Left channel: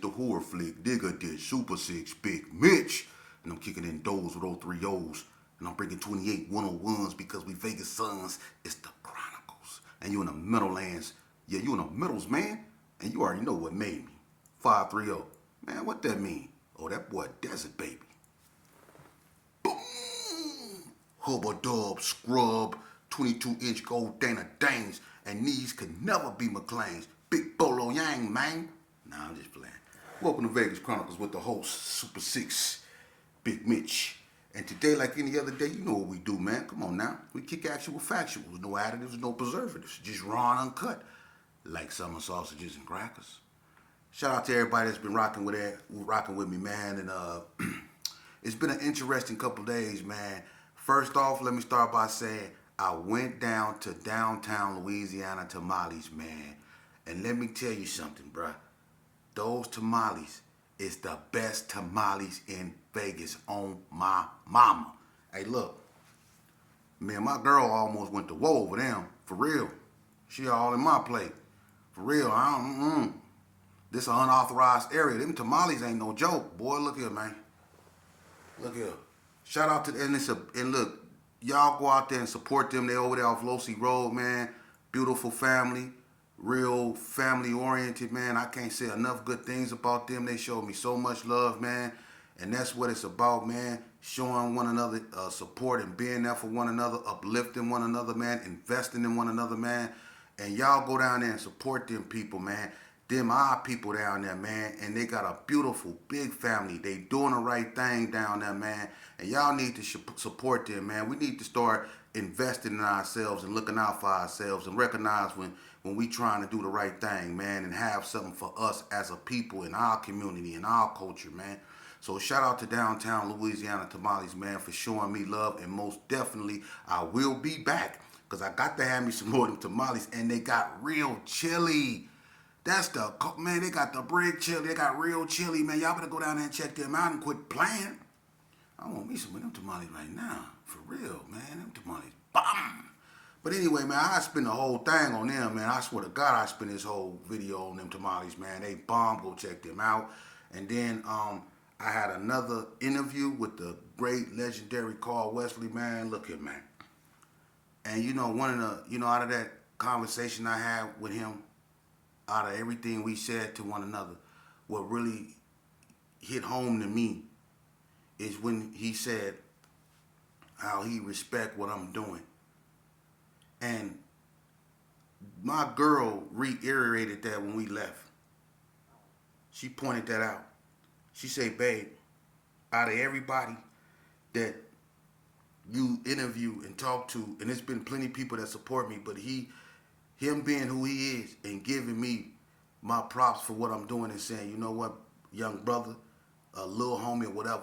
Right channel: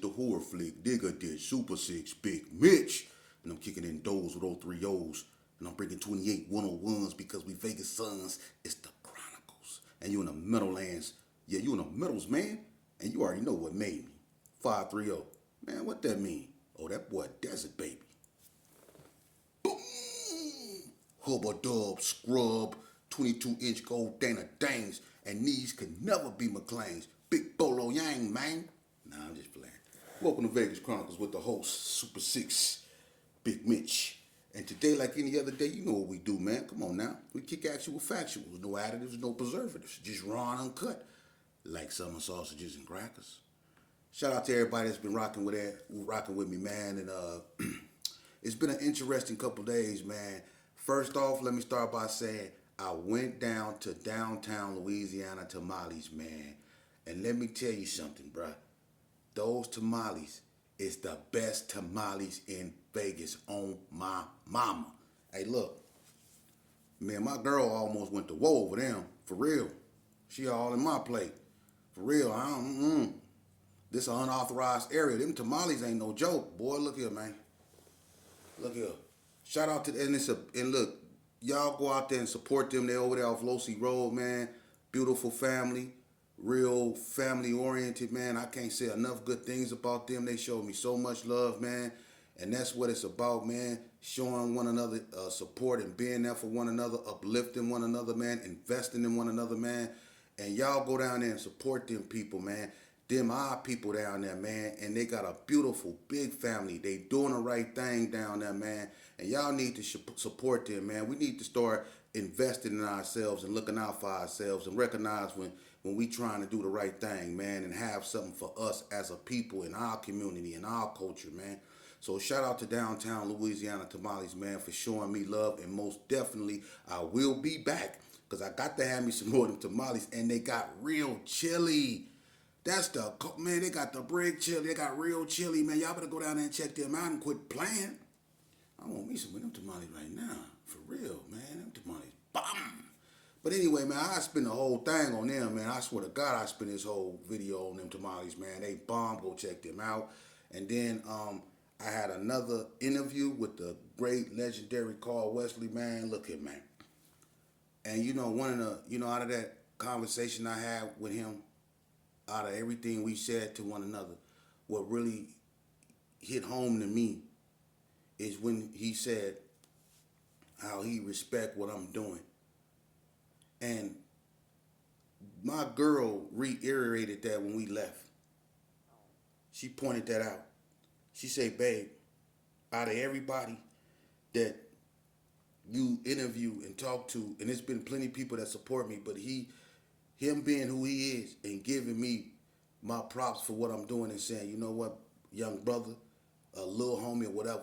the horror flick, Digger did Super 6, Big Mitch. And I'm kicking in doors with all 3 O's. And I'm bringing 28 101s because we Vegas sons. It's the Chronicles. And you in the Meadowlands. Yeah, you in the Meadows, man. And you already know what made me. 530. Man, what that mean? Oh, that boy Desert Baby. Boom! Hubba Dub, Scrub, 22-inch gold Dana Danes. And these could never be McLean's. Big Bolo Yang, man. Nah, I'm just playing. Welcome to Vegas Chronicles with the host, Super 6, Big Mitch. And today, like any other day, you know what we do, man. Come on now. We kick actual factuals. No additives, no preservatives. Just raw and uncut. Like summer sausages and crackers. Shout out to everybody that's been rocking with me, man. And it's been an interesting couple days, man. First off, let me start by saying I went down to downtown Louisiana tamales, man. And let me tell you something, bruh. Those tamales is the best tamales in Vegas on my mama. Hey, look. Man, my girl almost went to war over them. For real. She all in my plate. For real. This an unauthorized area. Them tamales ain't no joke. Boy, look here, man. Look here. Shout out to and look, y'all go out there and support them. They over there off Losi Road, man. Beautiful family. Real family oriented, man. I can't say enough good things about them. They showed me so much love, man. And that's what it's about, man. Showing one another support and being there for one another, uplifting one another, man. Investing in one another, man. And y'all go down there and support them people, man. Them our people down there, man. And they got a beautiful, big family. They doing the right thing down there, man. And y'all need to support them, man. We need to start investing in ourselves and looking out for ourselves and recognize when we trying to do the right thing, man, and have something for us as a people in our community, in our culture, man. So shout out to downtown Louisiana tamales, man, for showing me love. And most definitely, I will be back because I got to have me some more of them tamales. And they got real chili. That's the, man, they got the brick chili. They got real chili, man. Y'all better go down there and check them out and quit playing. I want me some of them tamales right now. For real, man. Them tamales, bomb. But anyway, man, I spent the whole thing on them, man. I swear to God, I spent this whole video on them tamales, man. They bomb. Go check them out. And then I had another interview with the great legendary Carl Wesley, man. Look here, man. And you know, out of that conversation I had with him, out of everything we said to one another, what really hit home to me is when he said how he respect what I'm doing. And my girl reiterated that when we left. She pointed that out. She said, babe, out of everybody that you interview and talk to, and there's been plenty of people that support me, but him being who he is and giving me my props for what I'm doing and saying, you know what, young brother, a little homie or whatever,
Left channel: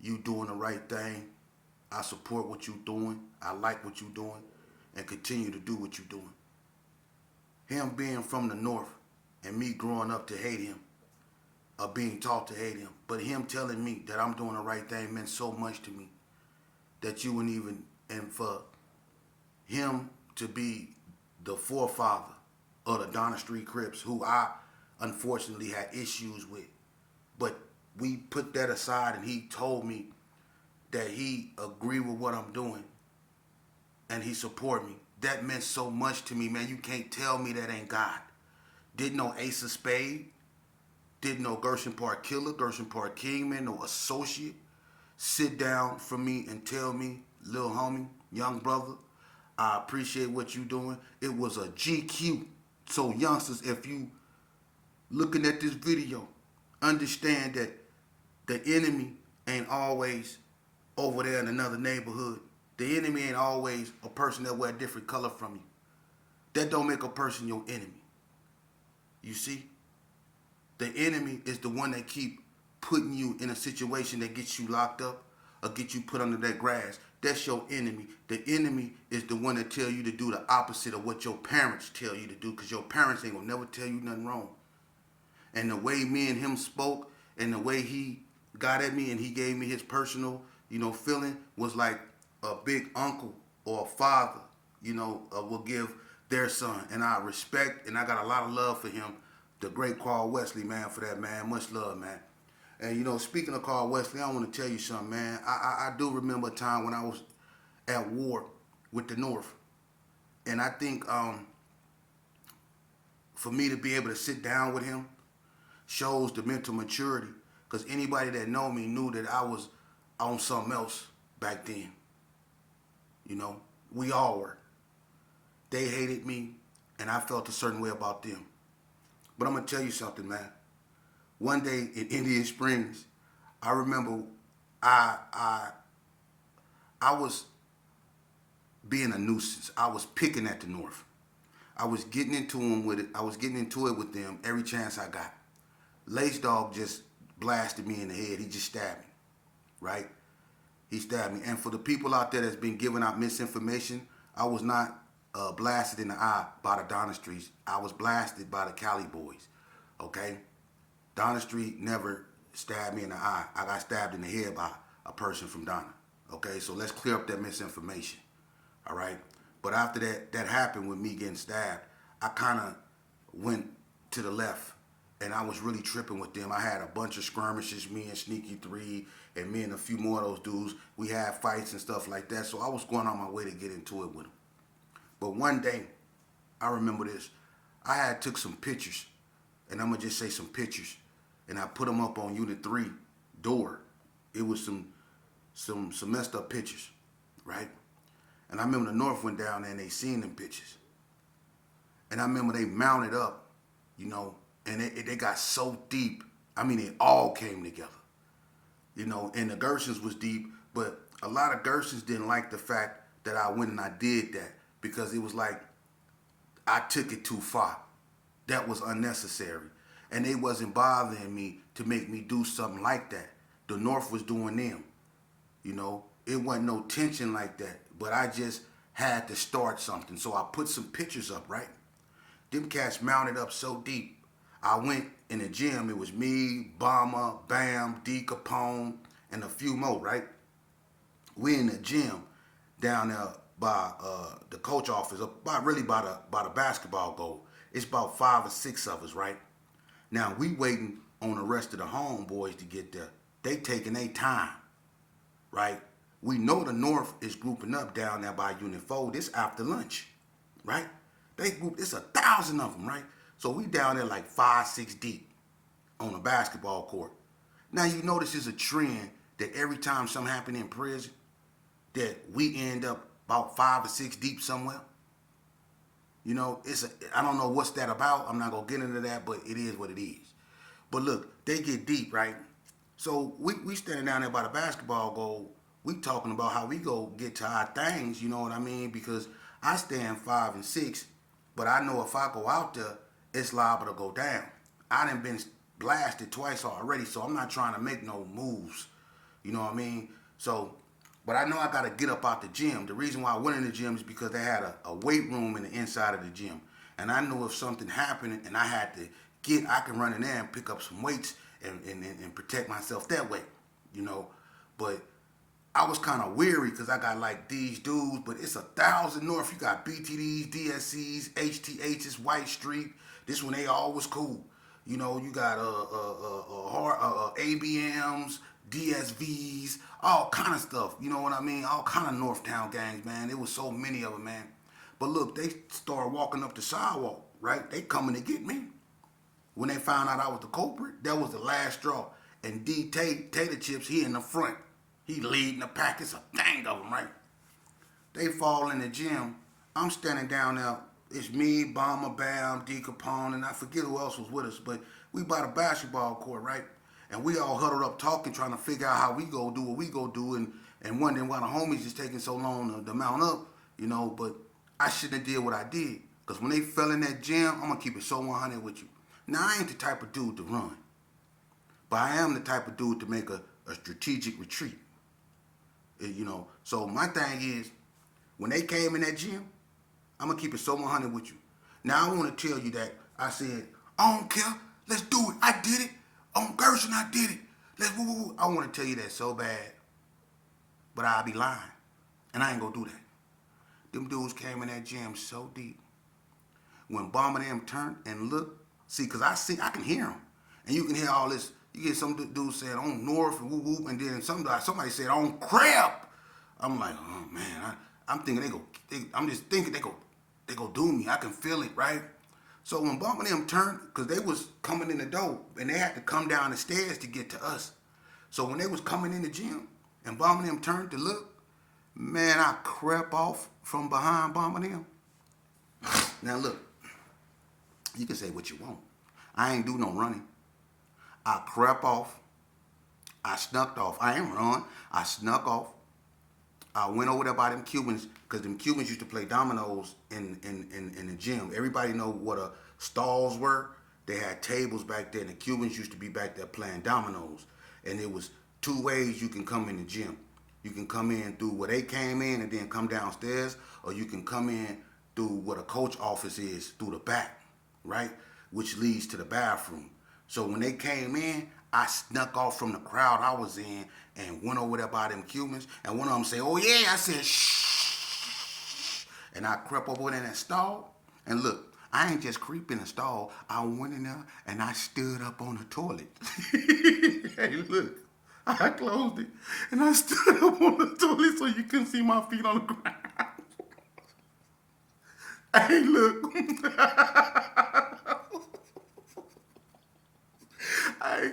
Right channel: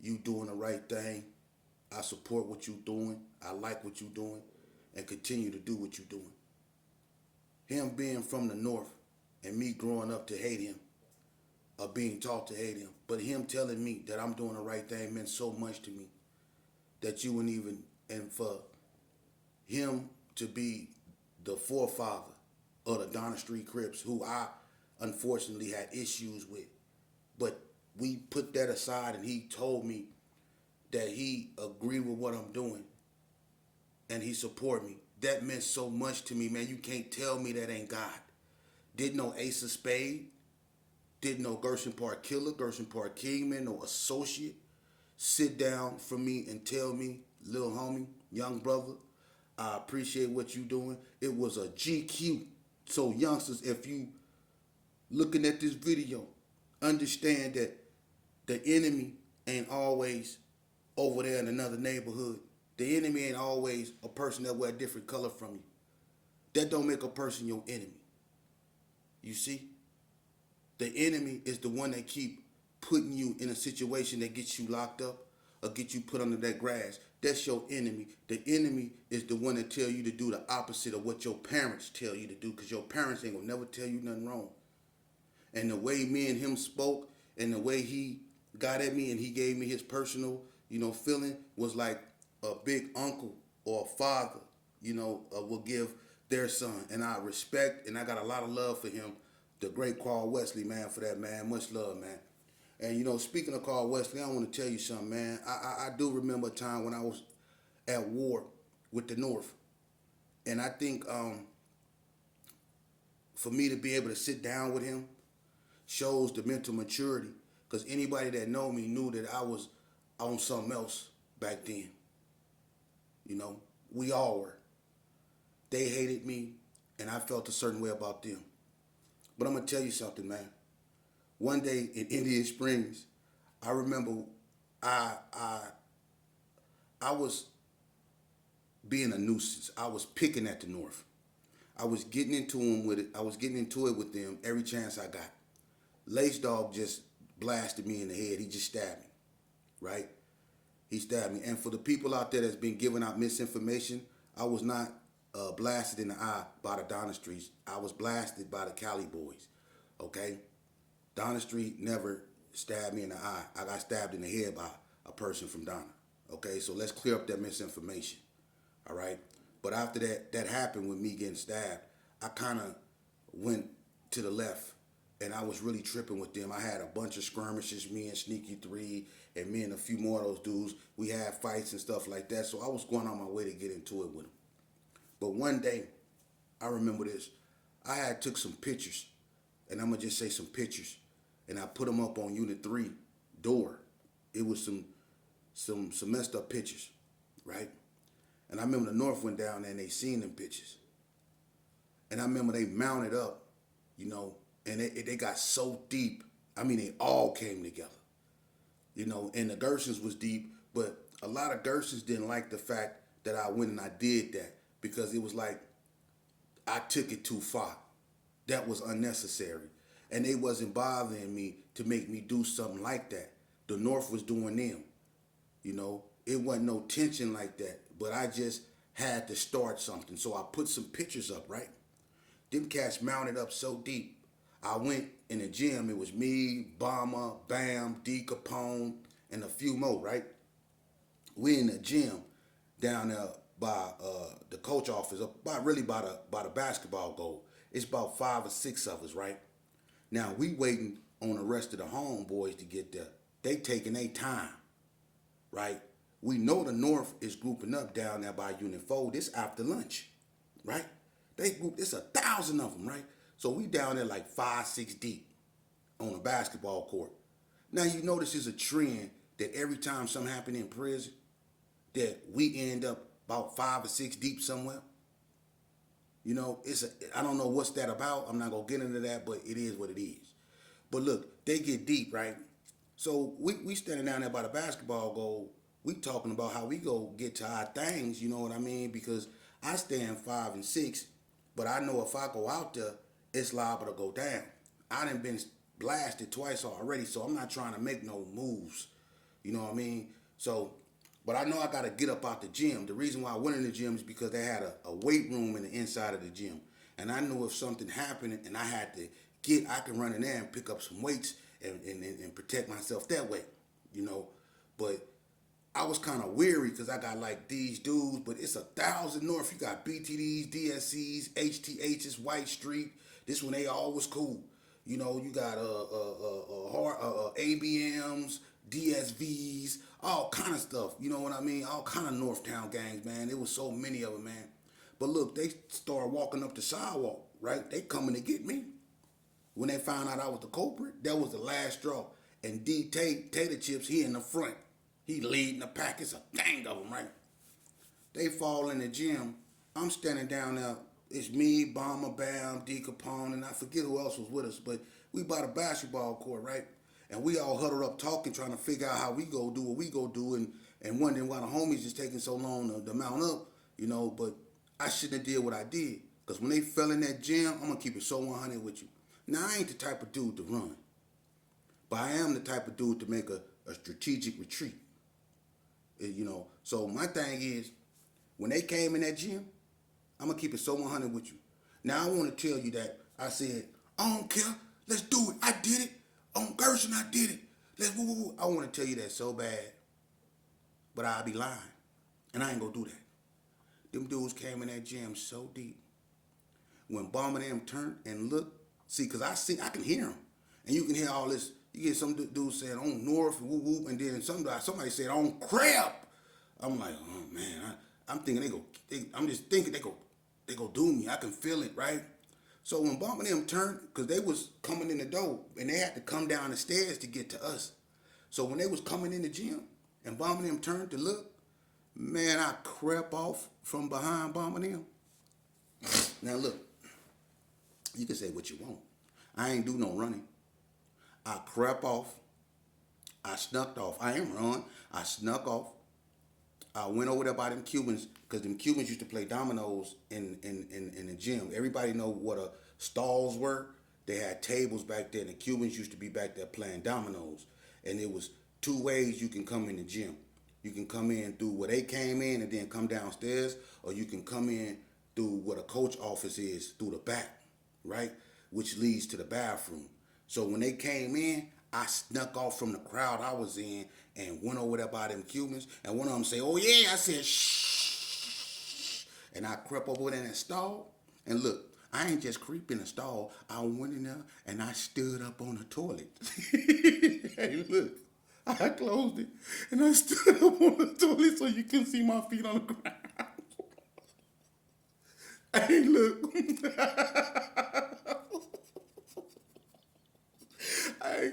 you doing the right thing. I support what you doing. I like what you doing. And continue to do what you're doing. Him being from the north and me growing up to hate him, or being taught to hate him, but him telling me that I'm doing the right thing meant so much to me that you wouldn't even, and for him to be the forefather of the Donna Street Crips, who I unfortunately had issues with, but we put that aside and he told me that he agreed with what I'm doing. And he support me. That meant so much to me, man. You can't tell me that ain't God. Didn't know Ace of Spade. Didn't know Gershon Park Killer, Gershon Park Kingman, no associate. Sit down for me and tell me, little homie, young brother, I appreciate what you doing. It was a GQ. So youngsters, if you looking at this video, understand that the enemy ain't always over there in another neighborhood. The enemy ain't always a person that wear a different color from you. That don't make a person your enemy. You see? The enemy is the one that keep putting you in a situation that gets you locked up or get you put under that grass. That's your enemy. The enemy is the one that tell you to do the opposite of what your parents tell you to do, because your parents ain't gonna never tell you nothing wrong. And the way me and him spoke and the way he got at me and he gave me his personal, feeling was like a big uncle or a father, will give their son. And I respect and I got a lot of love for him the great Carl Wesley, man, for that, man. Much love, man. And you know, speaking of Carl Wesley, I want to tell you something, man. I do remember a time when I was at war with the North, and I think for me to be able to sit down with him shows the mental maturity. Because anybody that know me knew that I was on something else back then. You know, we all were. They hated me, and I felt a certain way about them. But I'm gonna tell you something, man. One day in Indian Springs, I remember I I I was being a nuisance. I was picking at the North. I was getting into them with it. I was getting into it with them every chance I got. Lace Dog just blasted me in the head. He just stabbed me, right? He stabbed me. And for the people out there that's been giving out misinformation, I was not blasted in the eye by the Donna Streets. I was blasted by the Cali boys, okay? Donna Street never stabbed me in the eye. I got stabbed in the head by a person from Donna, okay? So let's clear up that misinformation, all right? But after that happened with me getting stabbed, I kind of went to the left, and I was really tripping with them. I had a bunch of skirmishes, me and Sneaky 3, and me and a few more of those dudes. We had fights and stuff like that, so I was going on my way to get into it with them. But one day, I remember this. I had took some pictures, and I'm going to just say some pictures, and I put them up on Unit 3 door. It was some messed up pictures, right? And I remember the North went down there and they seen them pictures. And I remember they mounted up, you know, and they got so deep. I mean, it all came together, you know, and the Gersons was deep, but a lot of Gersons didn't like the fact that I went and I did that because it was like I took it too far. That was unnecessary. And they wasn't bothering me to make me do something like that. The North was doing them, you know. It wasn't no tension like that, but I just had to start something. So I put some pictures up, right? Them cats mounted up so deep. I went in the gym. It was me, Bomber, Bam, D Capone, and a few more, right? We in the gym down there by the coach office, by the basketball goal. It's about 5 or 6 of us, right? Now we waiting on the rest of the homeboys to get there. They taking their time, right? We know the North is grouping up down there by Unit 4. This after lunch, right? They group, it's 1,000 of them, right? So we down there like 5, 6 deep on a basketball court. Now you notice there's a trend that every time something happen in prison, that we end up about 5 or 6 deep somewhere. You know, I don't know what's that about. I'm not gonna get into that, but it is what it is. But look, they get deep, right? So we standing down there by the basketball goal. We talking about how we go get to our things, you know what I mean? Because I stand 5 and 6, but I know if I go out there, it's liable to go down. I done been blasted twice already, so I'm not trying to make no moves. You know what I mean? So, but I know I got to get up out the gym. The reason why I went in the gym is because they had a weight room in the inside of the gym. And I knew if something happened and I had to I can run in there and pick up some weights and protect myself that way, you know. But I was kind of weary because I got like these dudes, but it's 1,000 North. You got BTDs, DSCs, HTHs, White Street. This one, they all was cool. You know, you got ABMs, DSVs, all kind of stuff. You know what I mean? All kind of Northtown gangs, man. There was so many of them, man. But look, they started walking up the sidewalk, right? They coming to get me. When they found out I was the culprit, that was the last straw. And D Tater Chips, he in the front. He leading the pack. It's a gang of them, right? They fall in the gym. I'm standing down there. It's me, Bomber, Bam, D Capone, and I forget who else was with us. But we by the basketball court, right? And we all huddled up talking, trying to figure out how we go do what we go do, and wondering why the homies is taking so long to mount up, you know. But I shouldn't have did what I did. Because when they fell in that gym, I'm going to keep it so 100 with you. Now, I ain't the type of dude to run. But I am the type of dude to make a strategic retreat. You know, so my thing is, when they came in that gym, I'm going to keep it so 100 with you. Now, I want to tell you that I said, I don't care. Let's do it. I did it. On Gershon, I did it. Let's woo, woo, woo. I want to tell you that so bad. But I'll be lying. And I ain't going to do that. Them dudes came in that gym so deep. When Bomber them turned and looked, See, cause I can hear them, and you can hear all this. You get some dude saying on North and whoop whoop, and then somebody said on crap. I'm like, oh man, I'm thinking I'm just thinking they go do me. I can feel it, right? So when Bomb and them turned, cause they was coming in the door, and they had to come down the stairs to get to us. So when they was coming in the gym, and Bomb and them turned to look, man, I crept off from behind Bomb and them. Now look, you can say what you want. I ain't do no running. I crept off. I snuck off. I ain't run. I snuck off. I went over there by them Cubans, because them Cubans used to play dominoes in the gym. Everybody know what stalls were. They had tables back there, and the Cubans used to be back there playing dominoes. And it was two ways you can come in the gym. You can come in through where they came in and then come downstairs, or you can come in through where the coach office is, through the back, right? Which leads to the bathroom. So when they came in, I snuck off from the crowd I was in and went over there by them Cubans. And one of them said, oh yeah, I said, shh. And I crept over there in that stall. And look, I ain't just creep in the stall. I went in there and I stood up on the toilet. Hey, look, I closed it and I stood up on the toilet so you couldn't see my feet on the ground. Hey, look. Hey,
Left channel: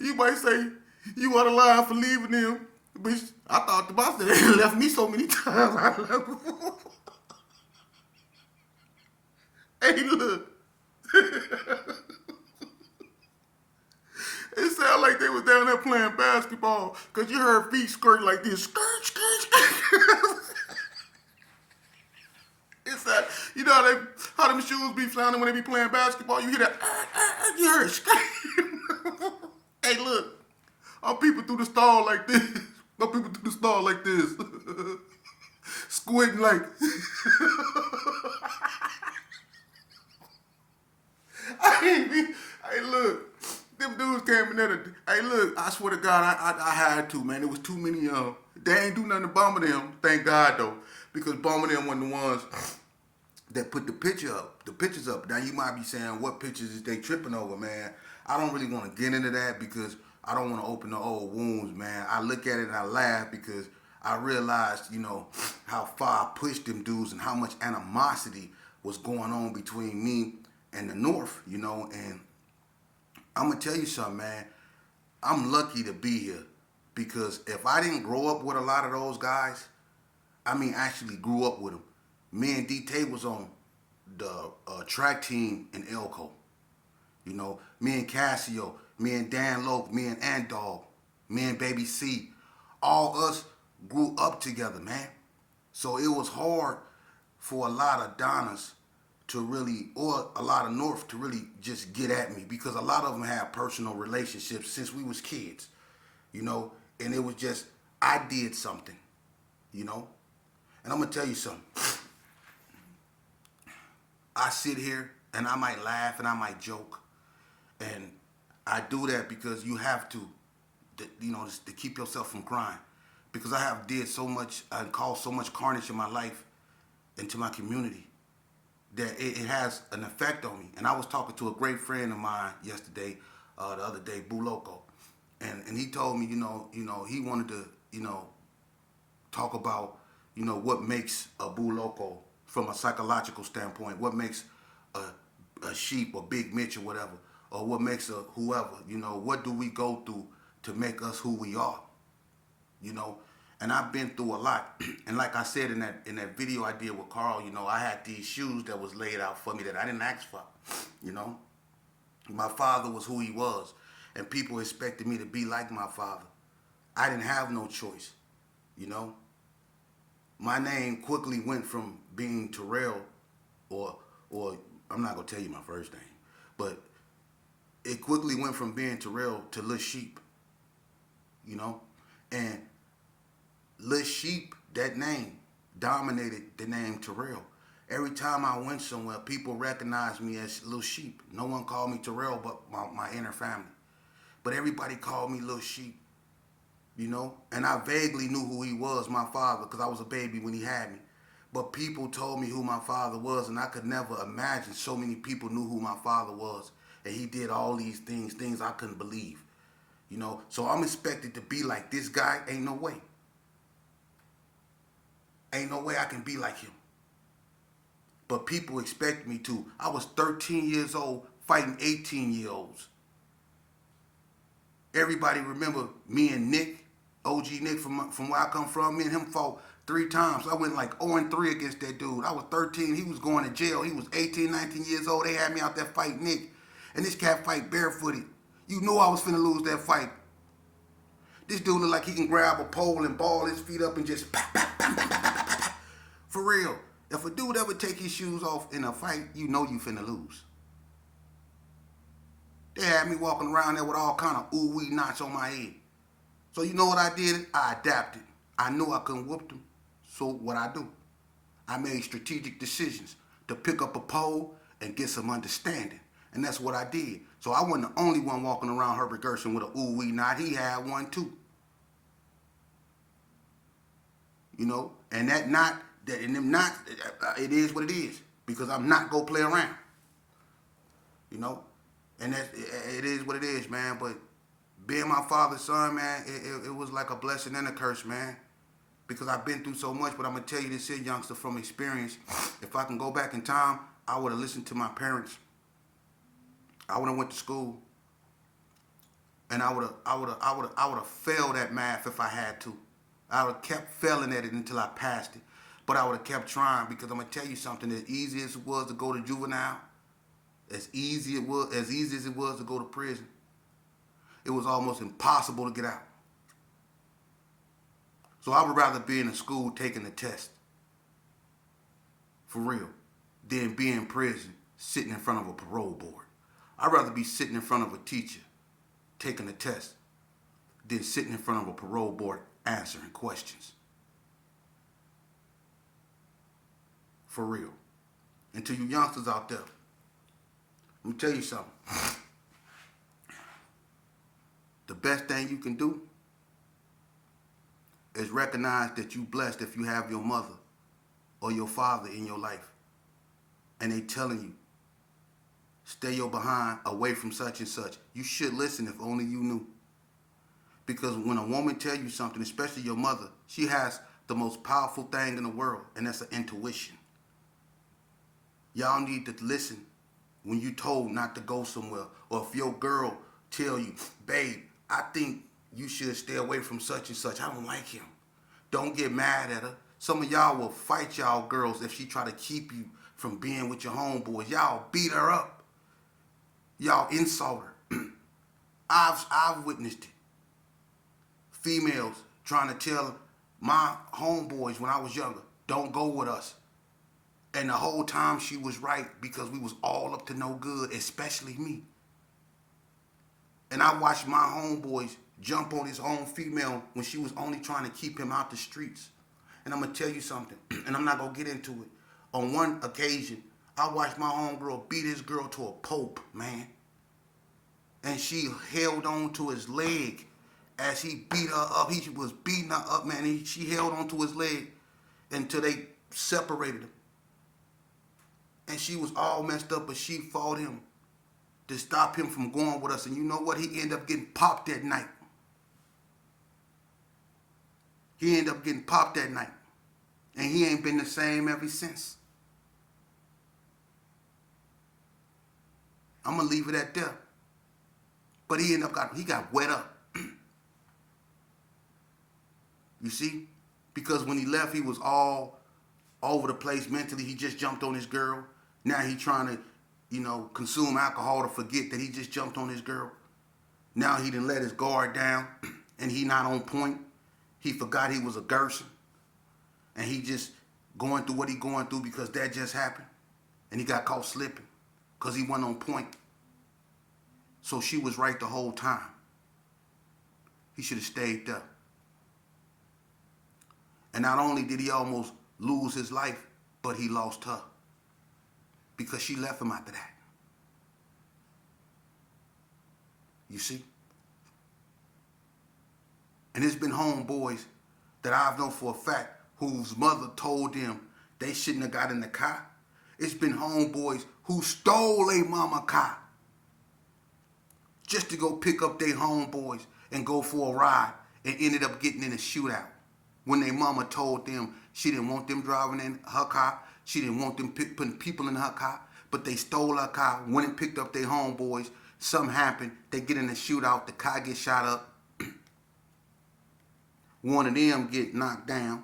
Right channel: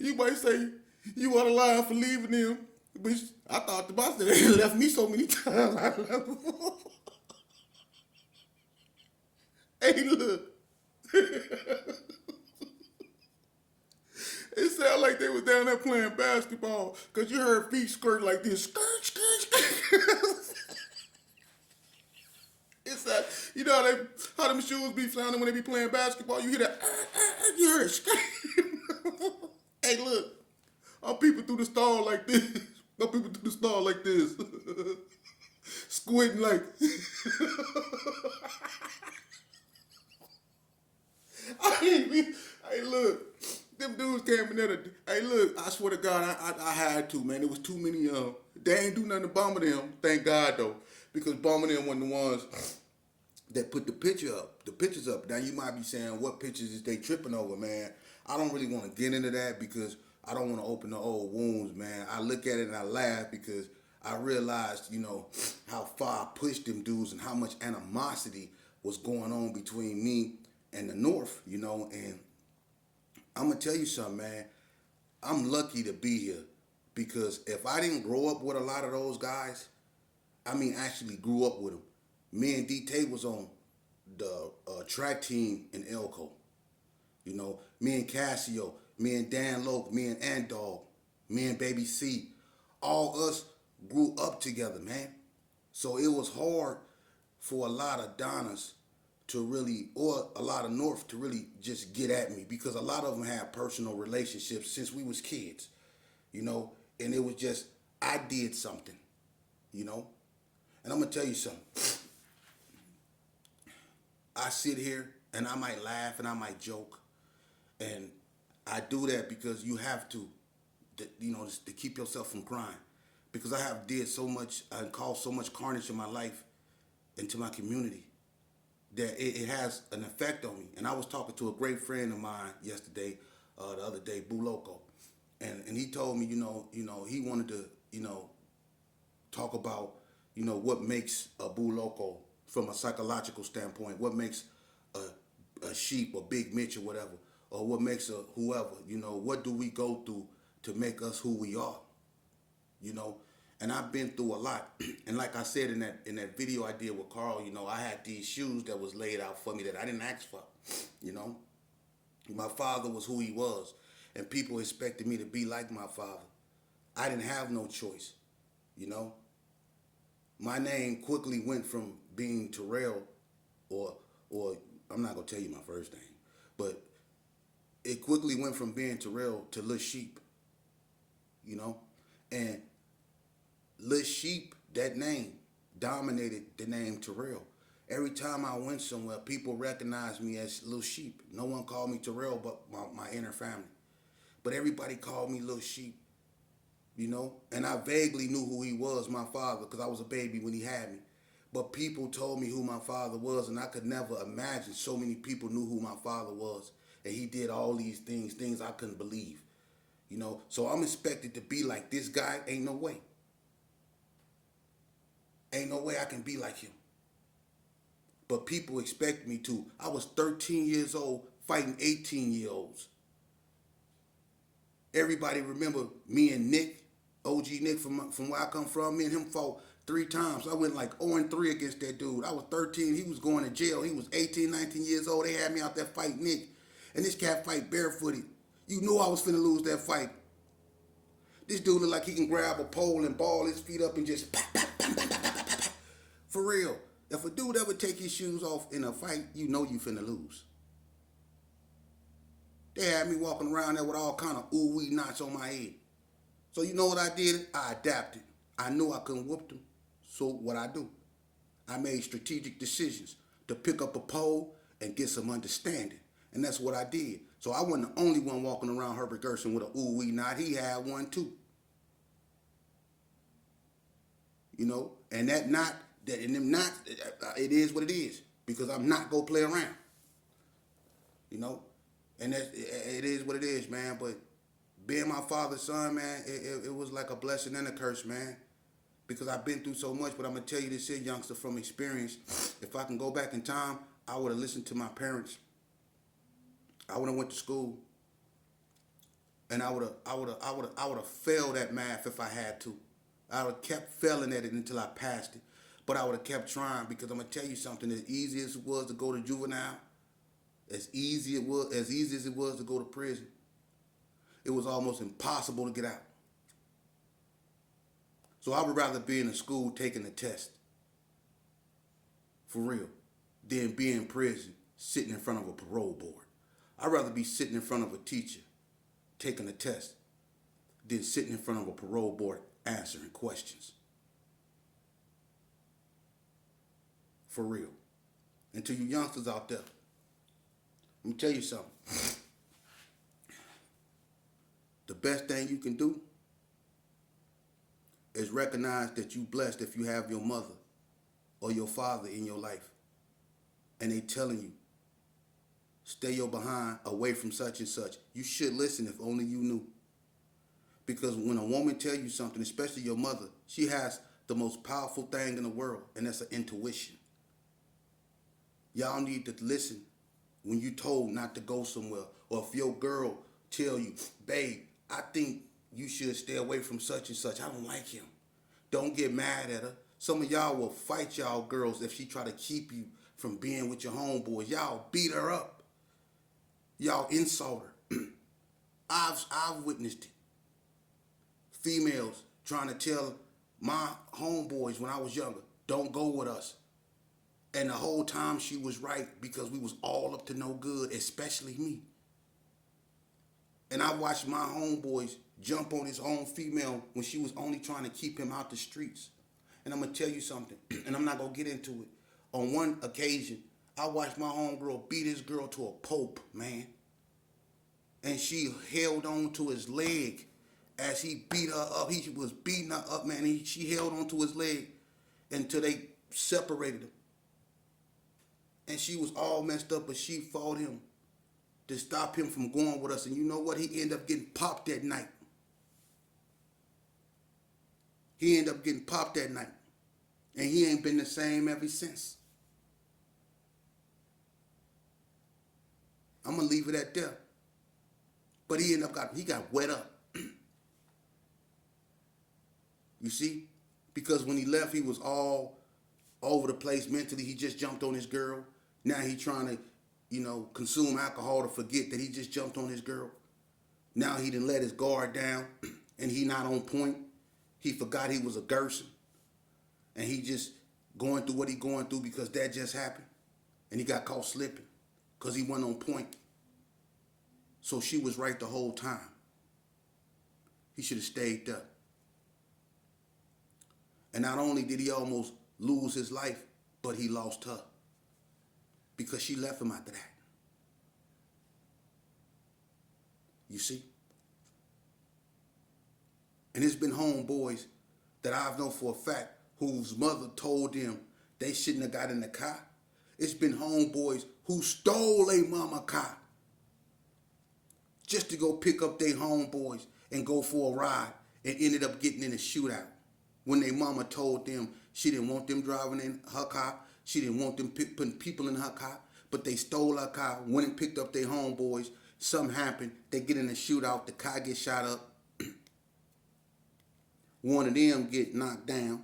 you might say you out of line for leaving them, bitch. I thought the boss had left me so many times. I left. Hey, look. It sounded like they was down there playing basketball, because you heard feet skirt like this. Skirt, skirt, skirt. It's that, you know how them shoes be sounding when they be playing basketball? You hear that, you heard skirt. Hey, look. Our people through the stall like this. Our people through the stall like this. Squinting like. Hey, look. Them dudes came in there. Hey, look. I swear to God, I had to, man. There was too many of them. They ain't do nothing to Bomber them. Thank God, though. Because Bomber them wasn't the ones that put the pictures up. Now, you might be saying, what pictures is they tripping over, man? I don't really want to get into that, because I don't want to open the old wounds, man. I look at it and I laugh, because I realized, how far I pushed them dudes and how much animosity was going on between me and the North, and I'm going to tell you something, man. I'm lucky to be here, because if I didn't grow up with a lot of those guys, actually grew up with them. Me and D-Tay was on the track team in Elko. Me and Cassio, me and Dan Loke, me and Andog, me and Baby C, all us grew up together, man. So it was hard for a lot of Donnas to really, or a lot of North to really just get at me, because a lot of them had personal relationships since we was kids, and it was just, I did something, and I'm going to tell you something. I sit here and I might laugh and I might joke, and I do that because you have to keep yourself from crying, because I have did so much and caused so much carnage in my life into my community that it has an effect on me. And I was talking to a great friend of mine yesterday, the other day, Boo Loco, and he told me, he wanted to, talk about, what makes a Boo Loco from a psychological standpoint, what makes a sheep or Big Mitch or whatever, or what makes a whoever, what do we go through to make us who we are, and I've been through a lot. And like I said in that video I did with Carl, I had these shoes that was laid out for me that I didn't ask for, My father was who he was, and people expected me to be like my father. I didn't have no choice, My name quickly went from being Terrell, or I'm not gonna tell you my first name, but it quickly went from being Terrell to Lil Sheep, and Lil Sheep, that name, dominated the name Terrell. Every time I went somewhere, people recognized me as Lil Sheep. No one called me Terrell but my inner family. But everybody called me Lil Sheep, And I vaguely knew who he was, my father, because I was a baby when he had me. But people told me who my father was, and I could never imagine so many people knew who my father was. and he did all these things I couldn't believe. You know, so I'm expected to be like this guy. Ain't no way. Ain't no way I can be like him. But people expect me to. I was 13 years old fighting 18-year-olds. Everybody remember me and Nick, OG Nick from where I come from. Me and him fought 3 times. I went like 0-3 against that dude. I was 13. He was going to jail. He was 18, 19 years old. They had me out there fighting Nick. And this cat fight barefooted. You knew I was finna lose that fight. This dude look like he can grab a pole and ball his feet up and just pop, pop, pop, pop, pop, pop, pop. For real. If a dude ever take his shoes off in a fight, you know you finna lose. They had me walking around there with all kind of ooh-wee knots on my head. So you know what I did? I adapted. I knew I couldn't whoop them. So what I do? I made strategic decisions to pick up a pole and get some understanding. And that's what I did. So I wasn't the only one walking around Herbert Gershon with a ooh-wee knot. He had one too. You know? And that knot, and them knots, it is what it is. Because I'm not going to play around. You know? And it is what it is, man. But being my father's son, man, it was like a blessing and a curse, man. Because I've been through so much. But I'm going to tell you this here, youngster, from experience. If I can go back in time, I would have listened to my parents. I would have went to school. And I would have failed at math if I had to. I would have kept failing at it until I passed it. But I would have kept trying, because I'm going to tell you something. As easy as it was to go to juvenile, as easy as it was to go to prison, it was almost impossible to get out. So I would rather be in a school taking a test, for real, than be in prison sitting in front of a parole board. I'd rather be sitting in front of a teacher taking a test than sitting in front of a parole board answering questions. For real. And to you youngsters out there, let me tell you something. The best thing you can do is recognize that you're blessed if you have your mother or your father in your life. And they telling you, stay your behind away from such and such. You should listen if only you knew. Because when a woman tell you something, especially your mother, she has the most powerful thing in the world, and that's an intuition. Y'all need to listen when you told not to go somewhere. Or if your girl tell you, babe, I think you should stay away from such and such. I don't like him. Don't get mad at her. Some of y'all will fight y'all girls if she try to keep you from being with your homeboys. Y'all beat her up. Y'all insult her. I've witnessed it. Females trying to tell my homeboys when I was younger, don't go with us. And the whole time she was right, because we was all up to no good, especially me. And I watched my homeboys jump on his own female when she was only trying to keep him out the streets. And I'm going to tell you something, and I'm not going to get into it. On one occasion, I watched my homegirl beat his girl to a pulp, man. And she held on to his leg as he beat her up. He was beating her up, man. She held on to his leg until they separated him. And she was all messed up, but she fought him to stop him from going with us. And you know what? He ended up getting popped that night. He ended up getting popped that night. And he ain't been the same ever since. I'm going to leave it at that. But he got wet up. You see? Because when he left, he was all over the place mentally. He just jumped on his girl. Now he trying to, consume alcohol to forget that he just jumped on his girl. Now he done let his guard down and he not on point. He forgot he was a Gerson. And he just going through what he going through because that just happened. And he got caught slipping because he wasn't on point. So she was right the whole time. He should have stayed there. And not only did he almost lose his life, but he lost her. Because she left him after that. You see? And it's been homeboys that I've known for a fact whose mother told them they shouldn't have got in the car. It's been homeboys who stole a mama car just to go pick up their homeboys and go for a ride and ended up getting in a shootout. When their mama told them she didn't want them driving in her car, she didn't want them putting people in her car, but they stole her car, went and picked up their homeboys. Something happened, they get in a shootout, the car gets shot up. One of them get knocked down.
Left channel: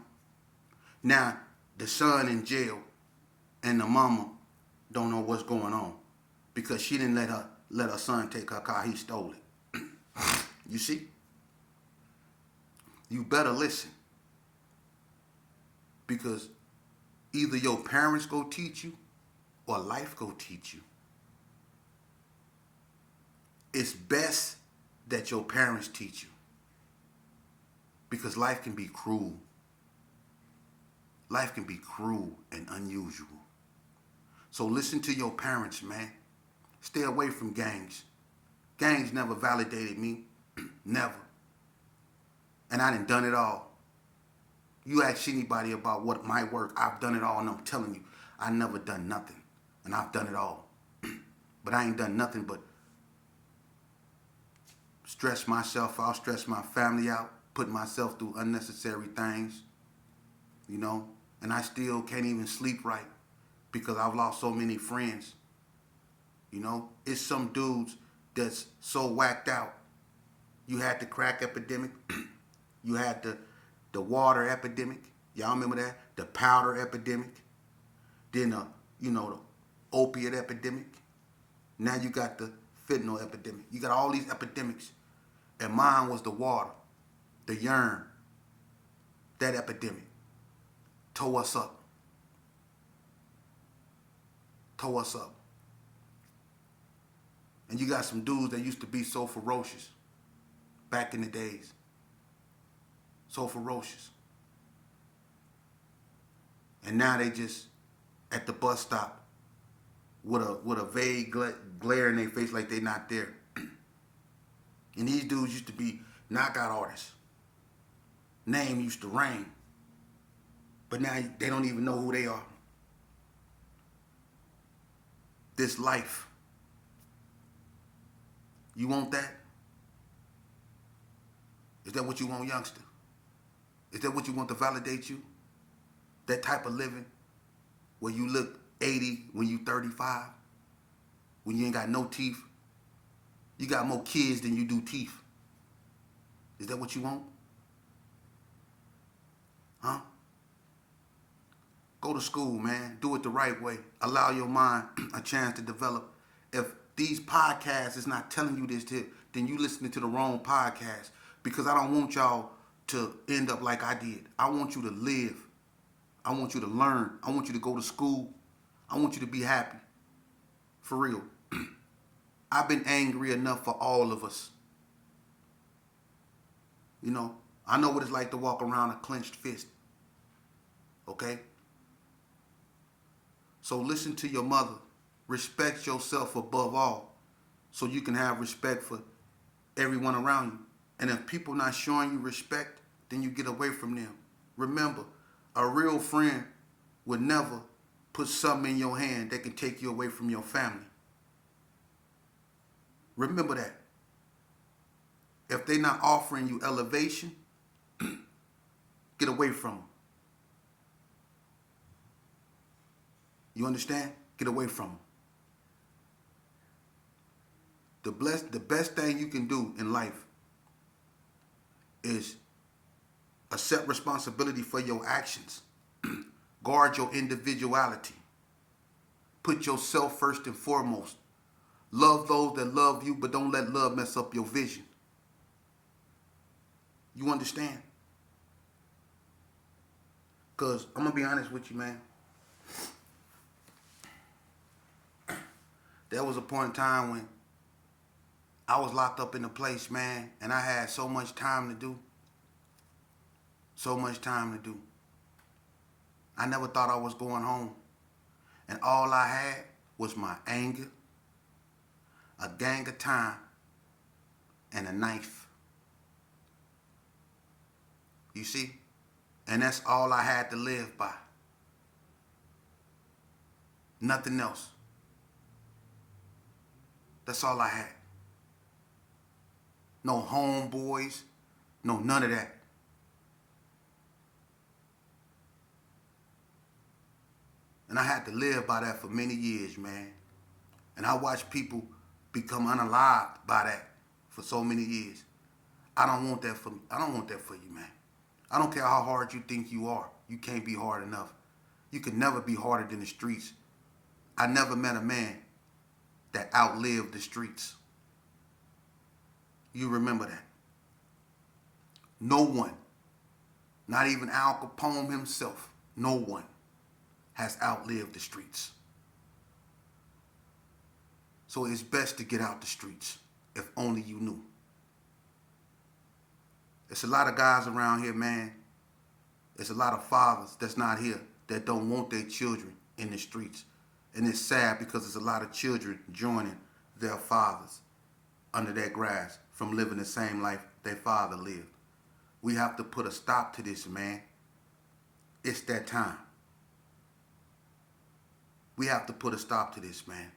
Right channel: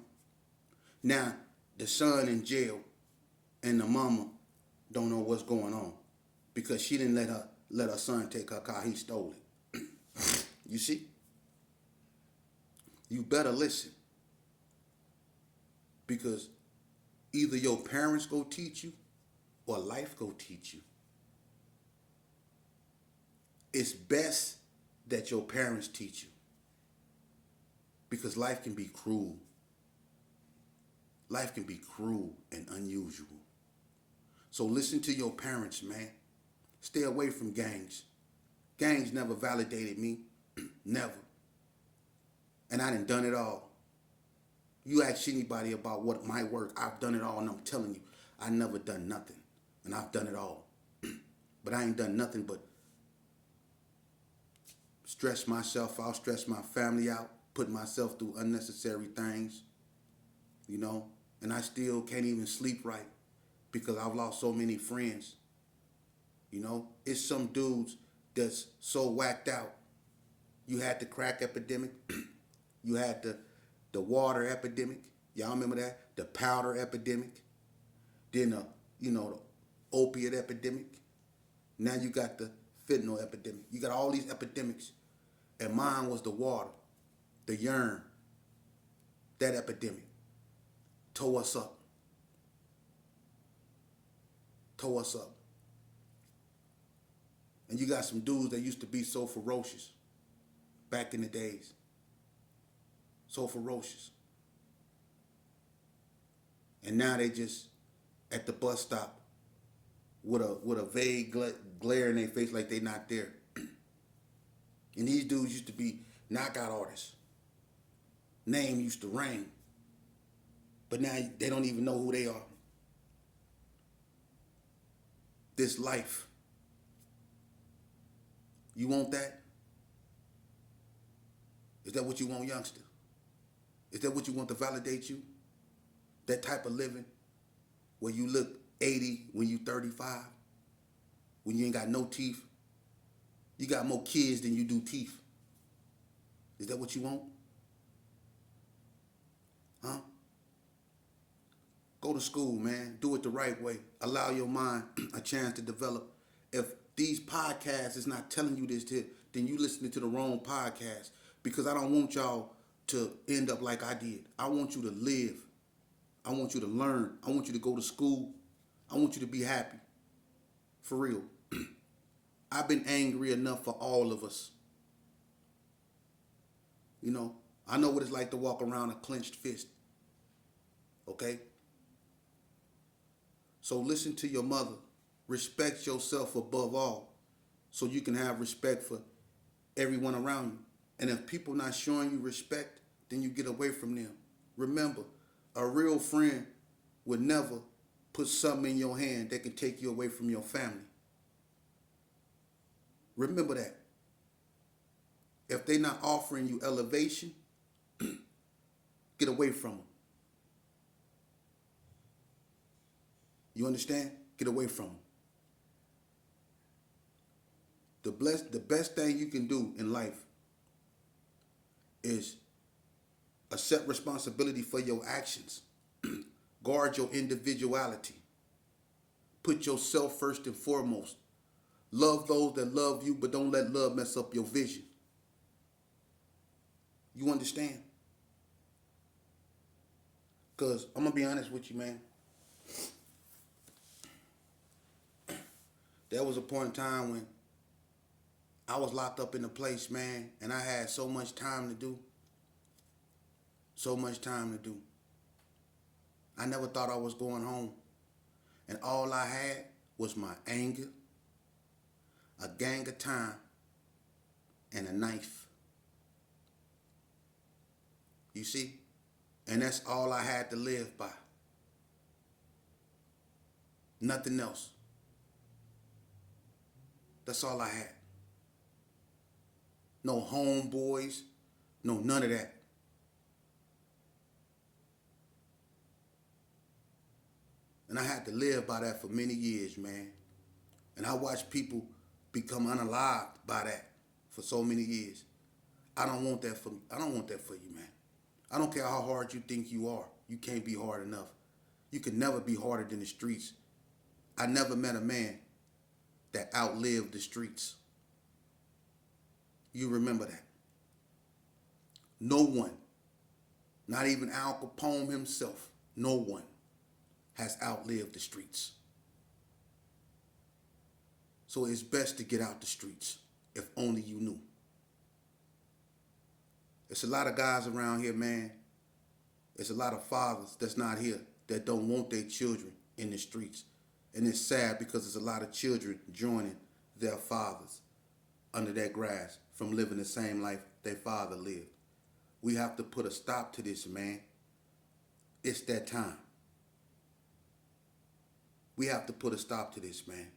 Now, the son in jail and the mama don't know what's going on because she didn't let her son take her car. He stole it. You see? You better listen, because either your parents go teach you or life go teach you. It's best that your parents teach you, because life can be cruel. Life can be cruel and unusual. So listen to your parents, man. Stay away from gangs. Gangs never validated me. Never. And I done it all. You ask anybody about what my work, I've done it all, and I'm telling you, I never done nothing. And I've done it all. But I ain't done nothing but stress myself out, stress my family out, put myself through unnecessary things, you know, and I still can't even sleep right because I've lost so many friends. You know, it's some dudes that's so whacked out. You had the crack epidemic. You had the water epidemic. Y'all remember that? The powder epidemic. Then the opiate epidemic. Now you got the fentanyl epidemic. You got all these epidemics. And mine was the water, the urine. That epidemic tore us up. Tore us up. And you got some dudes that used to be so ferocious back in the days. So ferocious. And now they just at the bus stop with a vague glare in their face like they not there. And these dudes used to be knockout artists. Name used to reign. But now they don't even know who they are. This life. You want that? Is that what you want, youngster? Is that what you want to validate you? That type of living where you look 80 when you 35, when you ain't got no teeth? You got more kids than you do teeth. Is that what you want? Huh? Go to school, man. Do it the right way. Allow your mind a chance to develop. If these podcasts is not telling you this, then you listening to the wrong podcast, because I don't want y'all to end up like I did. I want you to live. I want you to learn. I want you to go to school. I want you to be happy. For real. I've been angry enough for all of us. You know, I know what it's like to walk around a clenched fist. Okay? So listen to your mother. Respect yourself above all, so you can have respect for everyone around you. And if people not showing you respect, then you get away from them. Remember, a real friend would never put something in your hand that can take you away from your family. Remember that. If they're not offering you elevation, get away from them. You understand? Get away from them. The best thing you can do in life is accept responsibility for your actions. Guard your individuality. Put yourself first and foremost. Love those that love you, but don't let love mess up your vision. You understand? Because I'm going to be honest with you, man. There was a point in time when I was locked up in a place, man, and I had so much time to do. So much time to do. I never thought I was going home. And all I had was my anger, a gang of time, and a knife. You see? And that's all I had to live by. Nothing else. That's all I had. no homeboys, no none of that. And I had to live by that for many years, man. And I watched people become unalived by that for so many years. I don't want that for you, man. I don't care how hard you think you are. You can't be hard enough. You can never be harder than the streets. I never met a man that outlived the streets. You remember that. No one, not even Al Capone himself, no one has outlived the streets. So it's best to get out the streets, if only you knew. There's a lot of guys around here, man. There's a lot of fathers that's not here that don't want their children in the streets. And it's sad because there's a lot of children joining their fathers under that grass from living the same life their father lived. We have to put a stop to this, man. It's that time. We have to put a stop to this, man.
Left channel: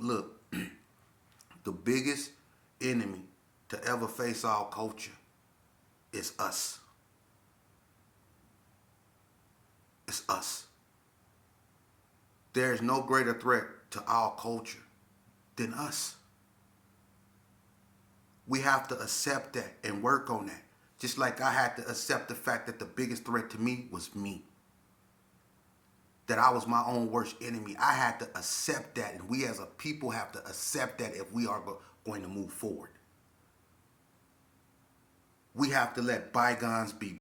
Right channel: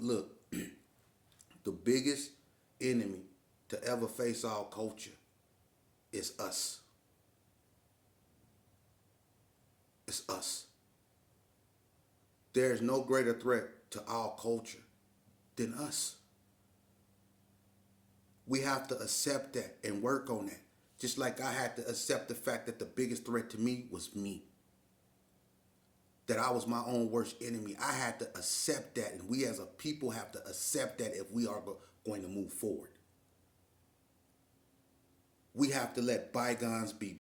Look, the biggest enemy to ever face our culture is us. It's us. There is no greater threat to our culture than us. We have to accept that and work on that. Just like I had to accept the fact that the biggest threat to me was me. That I was my own worst enemy. I had to accept that, and we as a people have to accept that if we are going to move forward. We have to let bygones be